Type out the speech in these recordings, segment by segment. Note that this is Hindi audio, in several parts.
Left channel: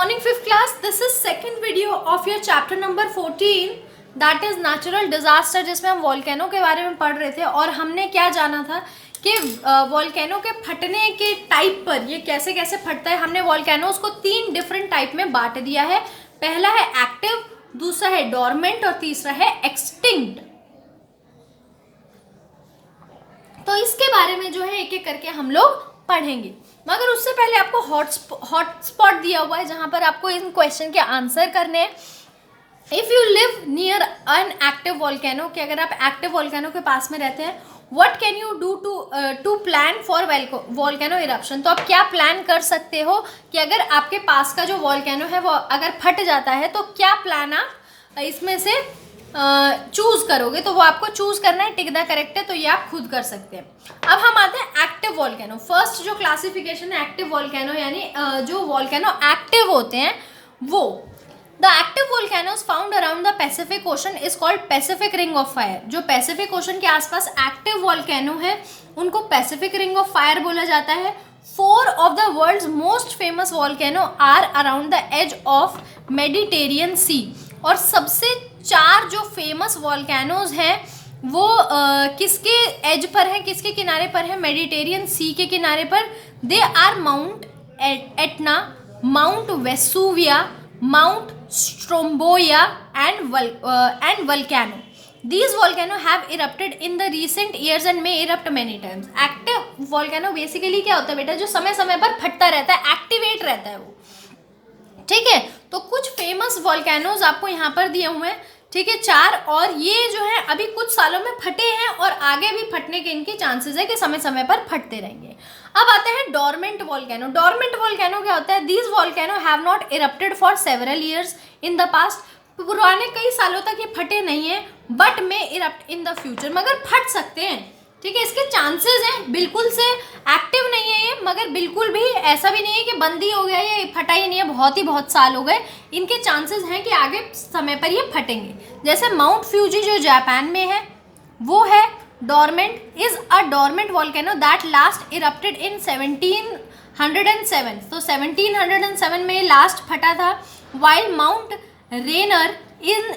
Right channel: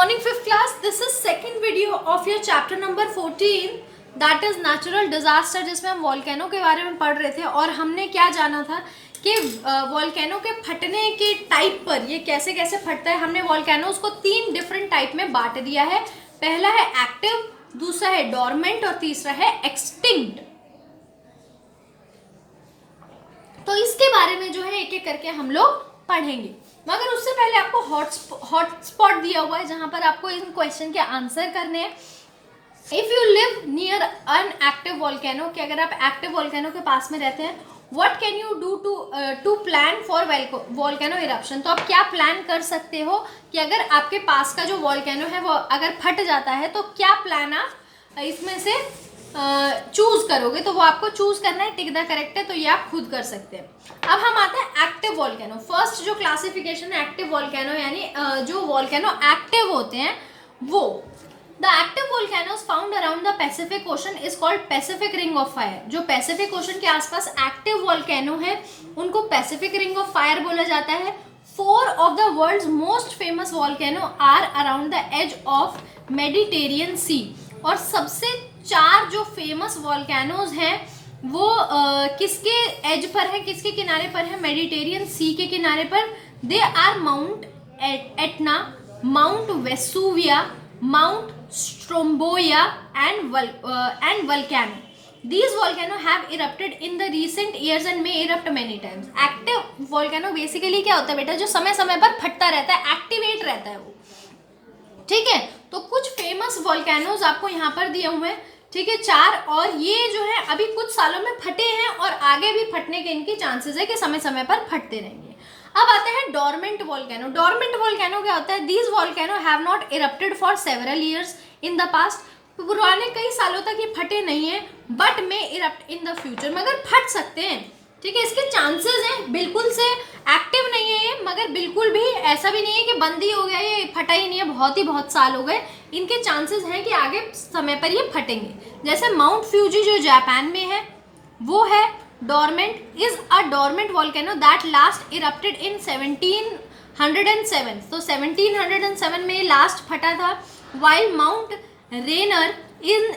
morning, fifth class. This is second video of your chapter number 14, that is natural disaster, जिसमें हम वॉल्केनो के बारे में पढ़ रहे थे और हमने क्या जाना था कि वॉल्केनो के फटने के टाइप पर ये कैसे कैसे फटता है. हमने वॉल्केनोज को 3 डिफरेंट टाइप में बांट दिया है. पहला है एक्टिव, दूसरा है डोरमेंट और तीसरा है एक्सटिंक्ट. तो इसके बारे में जो है एक एक करके हम लोग पढ़ेंगे, मगर उससे पहले आपको हॉट स्पॉट दिया हुआ है जहां पर आपको इन क्वेश्चन के आंसर करने हैं. If you live near an active volcano, कि अगर आप एक्टिव वॉल्केनो के पास में रहते हैं, what can you do to plan for volcano eruption. तो आप क्या प्लान कर सकते हो कि अगर आपके पास का जो वॉल्केनो है वो अगर फट जाता है तो क्या प्लान आप इसमें से चूज करोगे. तो वो आपको चूज करना है, टिक द करेक्ट है, तो ये आप खुद कर सकते हैं. अब हम आते हैं एक्टिव वॉल्केनो. फर्स्ट जो क्लासिफिकेशन है एक्टिव वॉल्केनो, यानी जो वॉल्केनो एक्टिव होते हैं वो. The active volcanoes found around the Pacific ocean is called Pacific ring of fire. जो पैसिफिक ओशन के आसपास एक्टिव वॉल्केनो है उनको पैसिफिक रिंग ऑफ फायर बोला जाता है. 4 of the world's most famous volcano are around the edge of Mediterranean Sea. और सबसे 4 जो फेमस वॉल्केनोज हैं वो किसके एज पर है, किसके किनारे पर है, मेडिटेरियन सी के किनारे पर. They are Mount Etna, Mount Vesuvius, Mount Stromboli and volcano. These volcano have erupted in the recent years and may erupt many times. Active volcano basically क्या होता है बेटा, जो समय समय पर फटता रहता है, एक्टिवेट रहता है वो. ठीक है, तो कुछ फेमस वॉल्केनोज आपको यहाँ पर दिए हुए हैं. ठीक है, 4, और ये जो है अभी कुछ सालों में फटे हैं और आगे भी फटने के इनके चांसेस है कि समय समय पर फटते रहेंगे. अब आते हैं डोरमेंट वॉल्केनो. डोरमेंट वॉल्केनो क्या होता है? These volcano have not erupted for several years in the past. पुराने कई सालों तक ये फटे नहीं है, बट में इरप्ट इन द फ्यूचर, मगर फट सकते हैं. ठीक है, इसके चांसेस हैं. बिल्कुल से एक्टिव नहीं है ये, मगर बिल्कुल भी ऐसा भी नहीं है कि बंद ही हो गया, ये फटा ही नहीं है, बहुत साल हो गए. इनके चांसेस हैं कि आगे समय पर ये फटेंगे. जैसे माउंट फ्यूजी जो जापान में है वो है dormant. Is a dormant volcano that last erupted in 1707. तो 1707 में लास्ट फटा था. While Mount Rainier in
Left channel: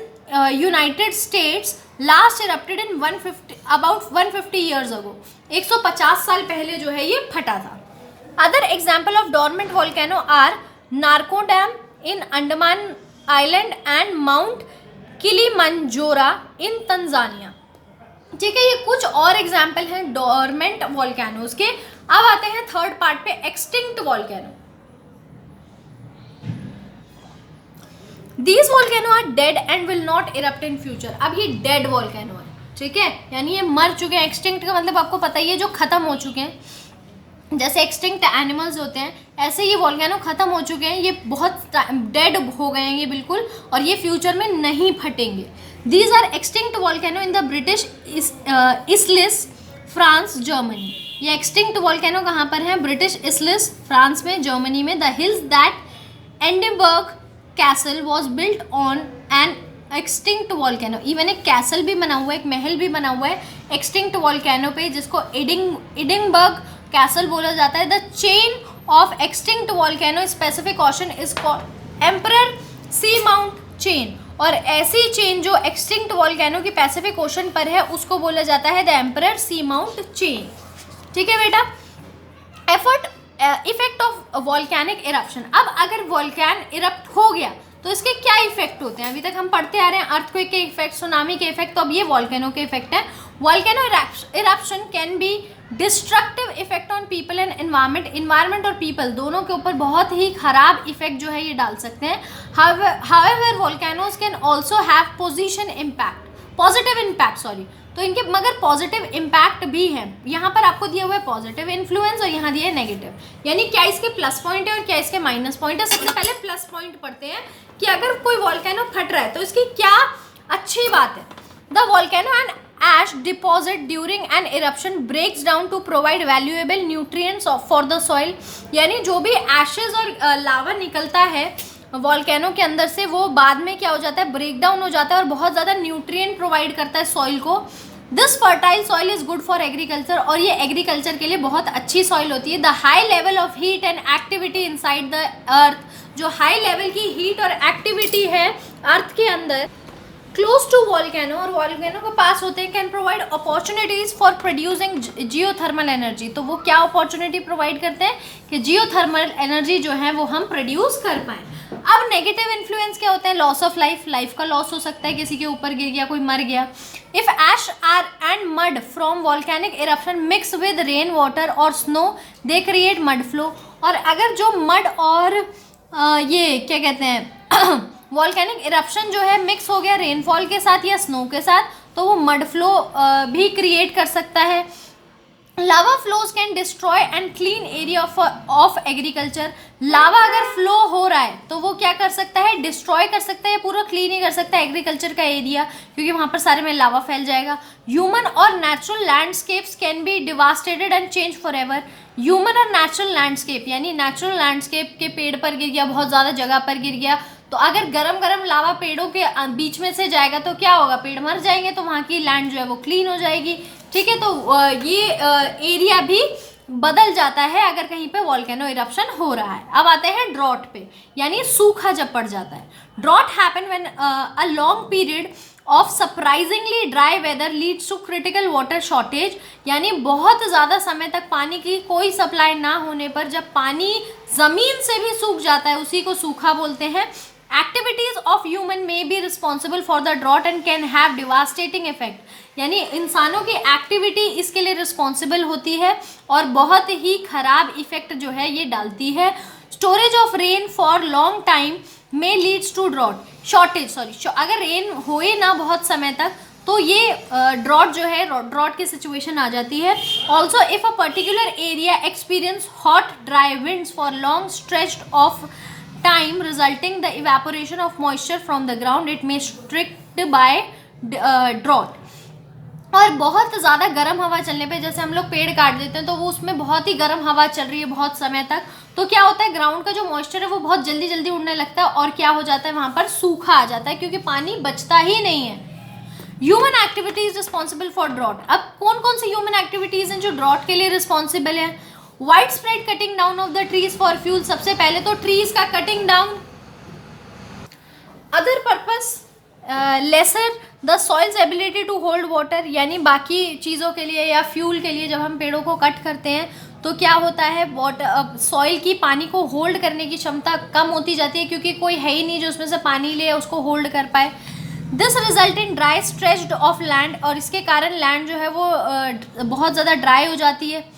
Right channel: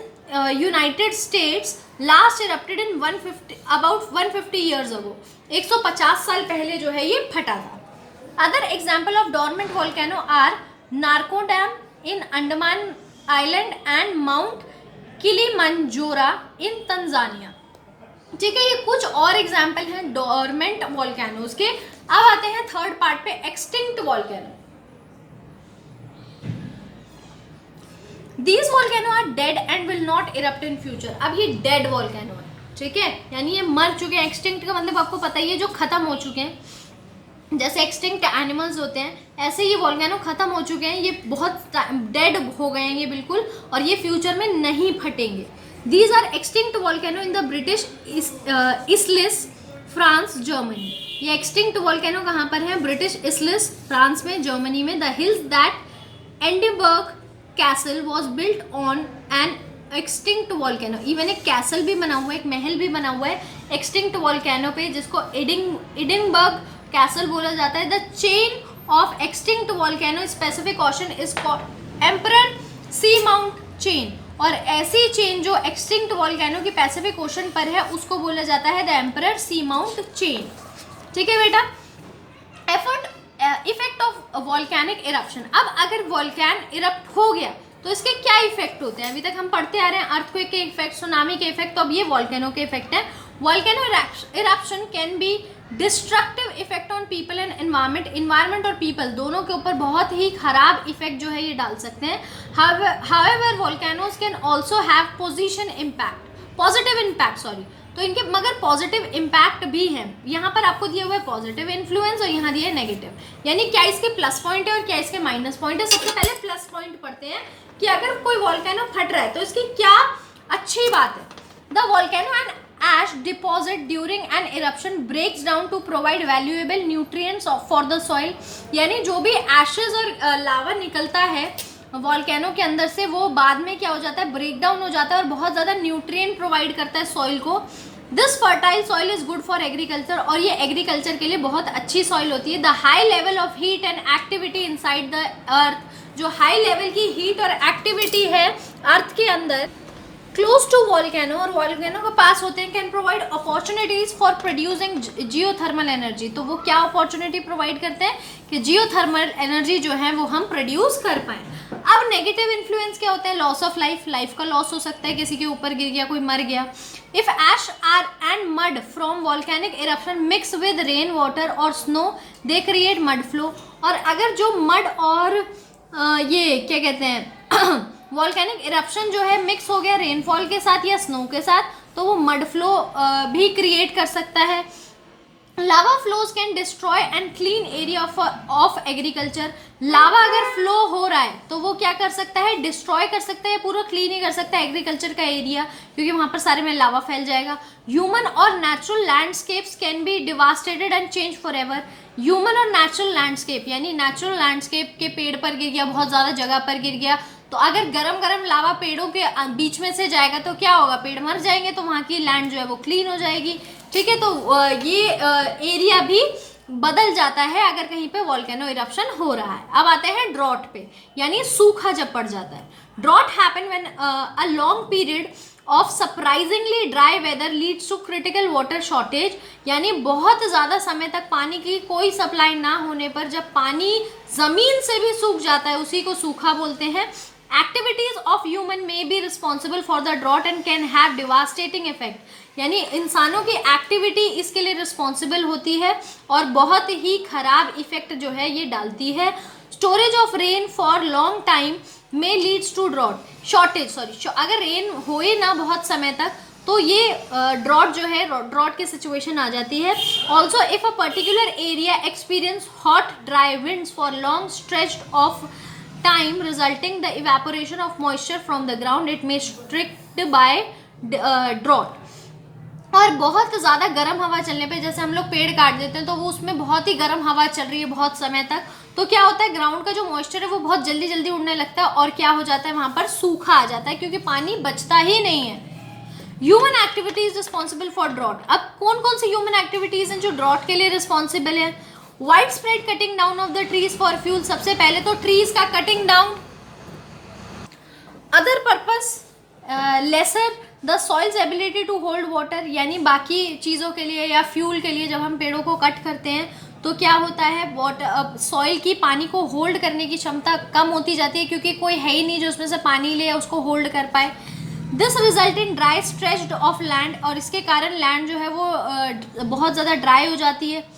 United States last erupted in 150 years ago. 150 साल पहले जो है ये फटा था. Other example of dormant volcano are Narcondam in Andaman island and Mount Kilimanjaro in Tanzania. ठीक है, ये कुछ और एग्जाम्पल हैं डोरमेंट वॉल्केनोज के. अब आते हैं थर्ड पार्ट पे, extinct volcano. These volcano are dead and will not erupt in future. अब ये डेड वॉल्केनो है. ठीक है, यानी ये मर चुके हैं. एक्सटिंक्ट का मतलब आपको पता ही है, जो खत्म हो चुके हैं. जैसे एक्सटिंक्ट एनिमल्स होते हैं, ऐसे ये वॉल्केनो खत्म हो चुके हैं, ये बहुत डेड हो गए हैं ये बिल्कुल, और ये फ्यूचर में नहीं फटेंगे. These are extinct volcano in the British Isles, France, Germany. ये एक्सटिंक्ट वॉल्केनो कहाँ पर है? ब्रिटिश इसलिस, फ्रांस में, जर्मनी में. द हिल्स दैट एंडेबर्ग castle was built on an extinct volcano. Even एक कैसल भी बना हुआ है, एक महल भी बना हुआ है एक्सटिंक्ट वॉल्केनो पे, जिसको एडिनबर्ग कैसल बोला जाता है. The chain of extinct volcano specific ocean is called emperor sea mount chain. और ऐसी चेन जो एक्सटिंक्ट वॉल्केनो की पैसिफिक ओशन पर है उसको बोला जाता है the emperor sea mount chain. ठीक है बेटा. Effect of volcanic eruption. अब अगर वॉल्कैन इरप्ट हो गया तो इसके क्या इफेक्ट होते हैं? अभी तक हम पढ़ते आ रहे हैं अर्थक्वेक के इफेक्ट, सुनामी के इफेक्ट, तो अब ये वॉल्केनो के इफेक्ट है. Volcano eruption can be destructive effect on people and environment और पीपल दोनों के ऊपर बहुत ही खराब इफेक्ट जो है ये डाल सकते हैं. However volcanoes can also have positive impact. तो इनके मगर पॉजिटिव इम्पैक्ट भी है. यहाँ पर आपको दिया हुआ है पॉजिटिव इन्फ्लुएंस और यहाँ दिया है नेगेटिव. यानी क्या इसके प्लस पॉइंट है और क्या इसके माइनस पॉइंट है. सबसे पहले प्लस पॉइंट पढ़ते हैं कि अगर कोई वॉल्केनो फट रहा है तो इसकी क्या अच्छी बात है. The volcano and ash deposit during an eruption breaks down to provide valuable nutrients for the soil. यानी जो भी एशेज और लावा निकलता है वॉल्केनो के अंदर से, वो बाद में क्या हो जाता है, ब्रेक डाउन हो जाता है और बहुत ज़्यादा न्यूट्रिएंट प्रोवाइड करता है सॉइल को. This fertile soil is good for agriculture. और ये एग्रीकल्चर के लिए बहुत अच्छी सॉइल होती है. The high level of heat and activity inside the earth जो हाई लेवल की हीट और एक्टिविटी है अर्थ के अंदर क्लोज टू वॉल्केनो और वॉल्केनो के पास होते हैं, can provide opportunities for producing geothermal energy. तो वो क्या अपॉर्चुनिटी प्रोवाइड करते हैं कि जियोथर्मल एनर्जी जो है वो हम प्रोड्यूस कर पाएँ। अब नेगेटिव इन्फ्लुएंस क्या होता है? लॉस ऑफ लाइफ, लाइफ का लॉस हो सकता है, किसी के ऊपर गिर गया, कोई मर गया। If ash or and mud from volcanic eruption mix with rain water और snow they create mud flow. और अगर जो मड और ये क्या कहते हैं वॉल्केनिक इरप्शन जो है मिक्स हो गया रेनफॉल के साथ या स्नो के साथ, तो वो मड फ्लो भी क्रिएट कर सकता है। Lava flows can destroy and clean area of agriculture. Lava अगर फ्लो हो रहा है तो वो क्या कर सकता है? डिस्ट्रॉय कर सकता है, पूरा क्लीन ही कर सकता है एग्रीकल्चर का एरिया, क्योंकि वहाँ पर सारे में लावा फैल जाएगा। ह्यूमन और natural landscapes can be devastated and change for ever. Human और नेचुरल लैंडस्केप यानी नेचुरल लैंडस्केप के पेड़ पर गिर गया, बहुत ज़्यादा जगह पर गिर गया, तो अगर गरम गरम लावा पेड़ों के बीच में से जाएगा तो क्या होगा? पेड़ मर जाएंगे, तो वहाँ की लैंड जो है वो क्लीन हो जाएगी। ठीक है, तो ये एरिया भी बदल जाता है अगर कहीं पे वॉल्केनो इरप्शन हो रहा है। अब आते हैं ड्रॉट पे, यानी सूखा जब पड़ जाता है। Drought happen when a long period of surprisingly dry weather leads to critical water shortage, यानी बहुत ज़्यादा समय तक पानी की कोई सप्लाई ना होने पर जब पानी ज़मीन से भी सूख जाता है, उसी को सूखा बोलते हैं। Activities of human may be responsible for the drought and can have devastating effect, यानी इंसानों की एक्टिविटी इसके लिए रिस्पॉन्सिबल होती है और बहुत ही खराब इफेक्ट जो है ये डालती है। Storage of rain for long time may leads to drought shortage, अगर रेन होए ना बहुत समय तक तो ये ड्रॉट जो है ड्रॉट की सिचुएशन आ जाती है। Also if a particular area experience hot dry winds for long stretched of time resulting the evaporation of moisture from the ground, it may strict by drought। और बहुत ज़्यादा गर्म हवा चलने पे, जैसे हम लोग पेड़ काट देते हैं तो वो उसमें बहुत ही गर्म हवा चल रही है बहुत समय तक, तो क्या होता है ग्राउंड का जो मॉइस्चर है वो बहुत जल्दी जल्दी उड़ने लगता है और क्या हो जाता है वहाँ पर सूखा आ जाता है, क्योंकि पानी बचता ही नहीं है। Human activities responsible for drought. अब कौन कौन सी ह्यूमन एक्टिविटीज हैं जो ड्रॉट के लिए रिस्पॉन्सिबल है? Wide spread cutting down of the trees for fuel, सबसे पहले तो ट्रीज का cutting down. Other purpose lessen the soil's ability to hold water, यानी बाकी चीज़ों के लिए या फ्यूल के लिए जब हम पेड़ों को कट करते हैं तो क्या होता है वाटर सॉइल की पानी को होल्ड करने की क्षमता कम होती जाती है, क्योंकि कोई है ही नहीं जो उसमें से पानी ले उसको होल्ड कर पाए। This result in dry stretched of land, और इसके कारण लैंड जो है वो बहुत ज़्यादा ड्राई हो जाती है।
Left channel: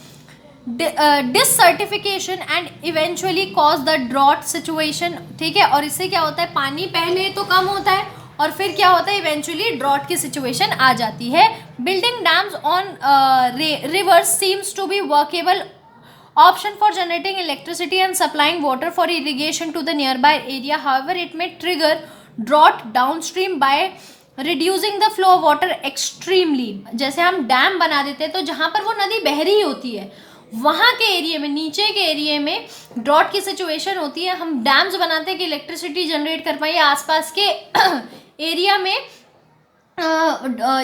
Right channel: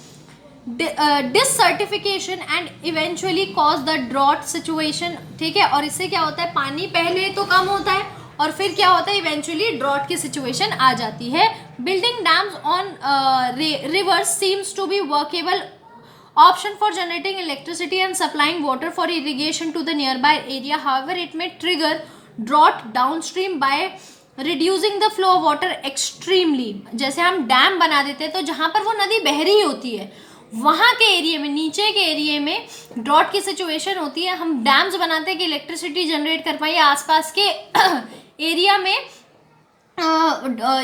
Desertification and eventually cause the drought situation. ठीक है, और इससे क्या होता है पानी पहले तो कम होता है और फिर क्या होता है इवेंचुअली ड्रॉट की सिचुएशन आ जाती है। Building dams on rivers seems to be workable option for generating electricity and supplying water for irrigation to the nearby area, however it may trigger drought downstream by reducing the flow of water extremely. जैसे हम डैम बना देते हैं तो जहाँ पर वो नदी बह रही होती है वहाँ के एरिया में, नीचे के एरिया में ड्रॉट की सिचुएशन होती है, हम डैम्स बनाते हैं कि इलेक्ट्रिसिटी जनरेट कर पाए आसपास के एरिया में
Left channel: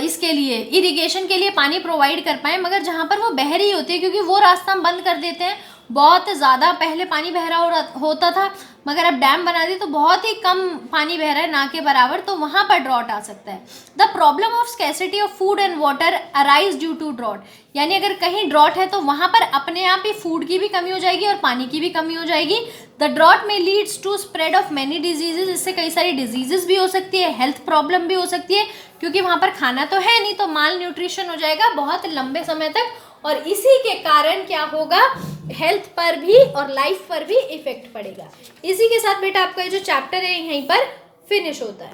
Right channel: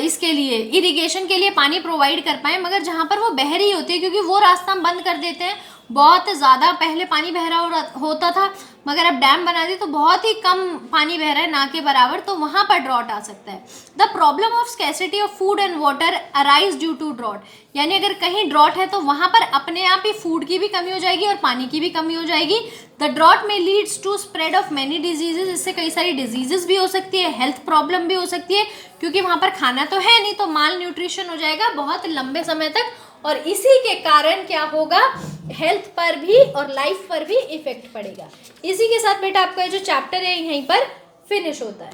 इसके लिए इरिगेशन के लिए पानी प्रोवाइड कर पाए, मगर जहाँ पर वो बह रही होती है क्योंकि वो रास्ता हम बंद कर देते हैं। बहुत ज़्यादा पहले पानी बह रहा होता था, मगर अब डैम बना दी तो बहुत ही कम पानी बह रहा है ना के बराबर, तो वहाँ पर ड्रॉट आ सकता है। The problem of scarcity of food and water arise due to drought, यानी अगर कहीं ड्रॉट है तो वहाँ पर अपने आप ही फूड की भी कमी हो जाएगी और पानी की भी कमी हो जाएगी। The drought may leads to spread of many diseases, इससे कई सारी डिजीजेज भी हो सकती है, हेल्थ प्रॉब्लम भी हो सकती है, क्योंकि वहाँ पर खाना तो है नहीं, तो माल न्यूट्रिशन हो जाएगा बहुत लंबे समय तक, और इसी के कारण क्या होगा हेल्थ पर भी और लाइफ पर भी इफेक्ट पड़ेगा। इसी के साथ बेटा आपका जो चैप्टर है यहीं पर फिनिश होता है।